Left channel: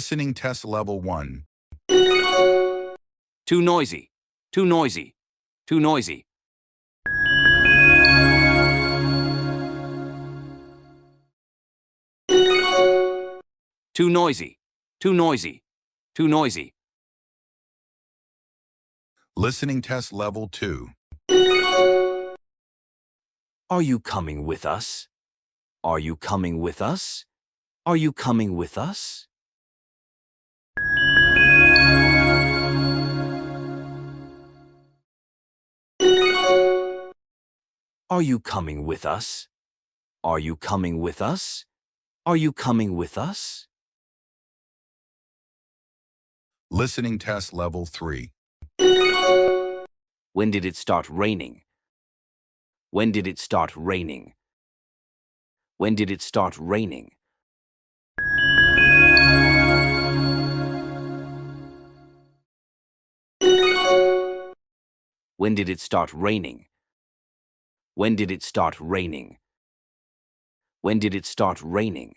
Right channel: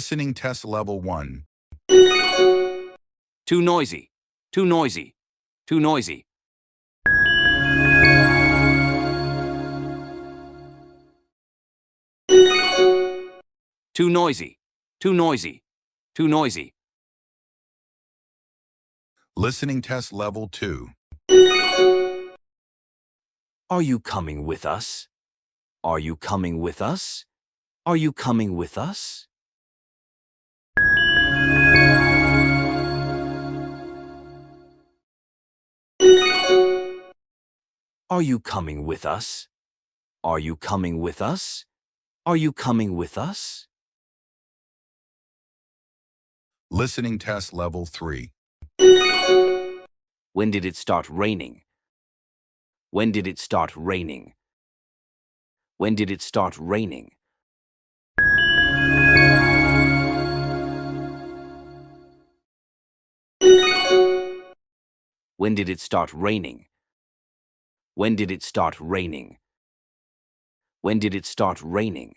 Listening test level 1. Too noisy. Too noisy. Too noisy. Too noisy. Too noisy. Too noisy. Listening test level 2. Are you coming with us? Are you coming with us? Are you coming with us? Are you coming with us? Are you coming with us? Are you coming with us? Listening test level 3. When did it start raining? When did it start raining? When did it start raining? When did it start raining? When did it start raining? When did it start raining?